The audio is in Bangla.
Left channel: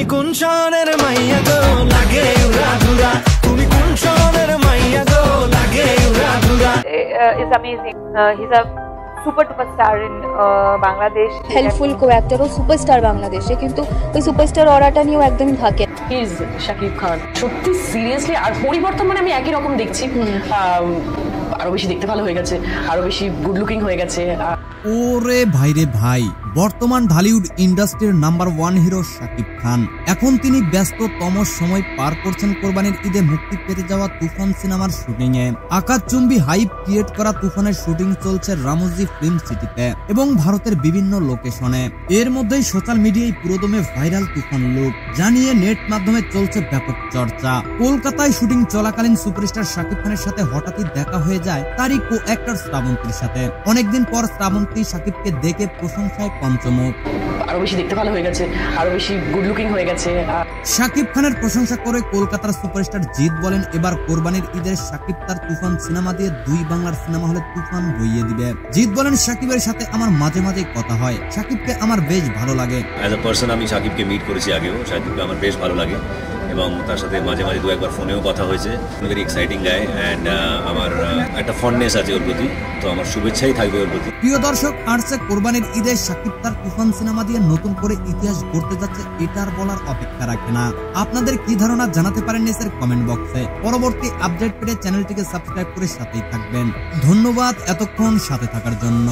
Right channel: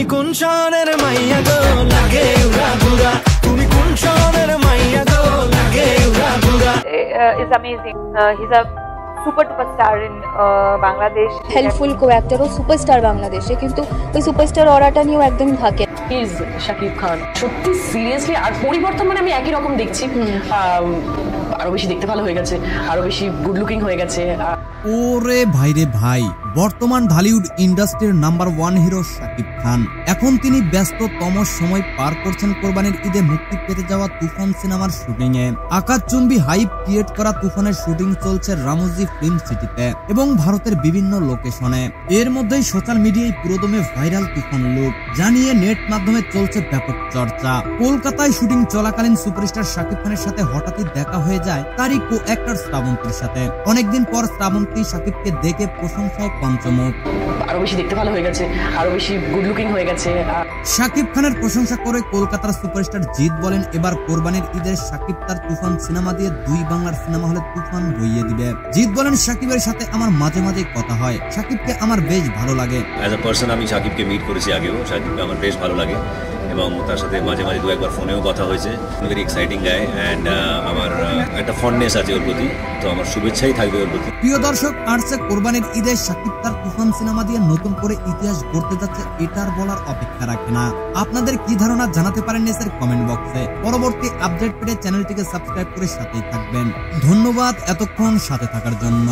তুমি কোন শহরের মাইয়া গো লাগে রাধুরা, তুমি কোন শহরের মাইয়া গো লাগে রাধুরা। Is amazing. He's a superstar in Bangladesh. Helpful খুব একটারও সুপারস্টার বাংলাদেশে, কিন্তু এই সুপারস্টার অর্ডারটা নিয়েও একদম থাকে। প্লিজ শাকিব খান সত্যি সিরিয়াসলি আর পরিবর্তন মানে আমি একই রকম দেখছি, আরো বেশি দেখতে ভালো হয়ে গেছে, আরো বেশি গুড লুকিং হয়ে গেছে। ওরে ভাই রে ভাই, বর্তমান ঢালিউড ইন্ডাস্ট্রির নাম্বার 1 হিরো শাকিব খান এখন তিনি ব্যস্ততম সময় পার করছেন কোরবানির ঈদে মুক্তি পেতে যাওয়া তুফান সিনেমার শুটিং এ। আকাশচুম্বী হাইপ ক্রিয়েট করা তুফানের শুটিং চলছে রামোজি ফিল্ম সিটিতে এবং ভারতের বিভিন্ন লোকেশনে। এর মধ্যেই সোশ্যাল মিডিয়ায় পুরোদমে ভাইরাল তুফান লুক জানিয়ে নেট মাধ্যমে চলছে ব্যাপক চর্চা। কলকাতায় শুটিং চলাকালীন সুপারস্টার শাকিব খানের সাথে হঠাৎই দেখা হয়ে যায় তারই কো অ্যাক্টর শ্রাবন্তীর সাথে। অনেকদিন পর শ্রাবন্তী শাকিবকে দেখে প্রশংসায় পঞ্চমুখ। আরো বেশি দেখতে ভালো হয়ে গেছে, আরো বেশি গুড লুকিং হয়ে গেছে। শাকিব খানের প্রশংসা করে কলকাতার সুপারস্টার জিৎ বলেন, এবার কোরবানির ঈদের শাকিব তার তুফান সিনেমা দিয়ে 2 বাংলার সিনেমা হলে তুফান বইয়ে দিবে। জিৎ বলেন, শাকিবের সাথে আমার মাঝে মাঝে কথা হয়, শাকিবকে আমার বেশ ভালো লাগে। অ্যাজ এ পার্সন আমি শাকিবকে মিট করেছি আগেও, শাকিবকে আমার বেশ ভালো লাগে এবং তার সাথে মাঝে মাঝে 2-1 ফোনেও কথা হয়েছে। ভেরি এক্সাইটিং গাই অ্যান্ড আমার একটা ফন্ডনেস আছে ওর প্রতি, তো আমার শুভেচ্ছাই থাকবে ওর প্রতি। প্রিয় দর্শক, আসছে কোরবানির ঈদে শাকিব তার তুফান সিনেমা দিয়ে নতুন করে ইতিহাস গড়তে যাচ্ছে, এটার বলার অপেক্ষা রাখে না। আপনাদের কি ধারণা জানাতে পারেন নিচের কমেন্ট বক্সে। পরবর্তী আপডেট পেতে চ্যানেলটিকে সাবস্ক্রাইব করে সাথেই থাকবেন। ধন্যবাদ এতক্ষণ সাথে থাকার জন্য।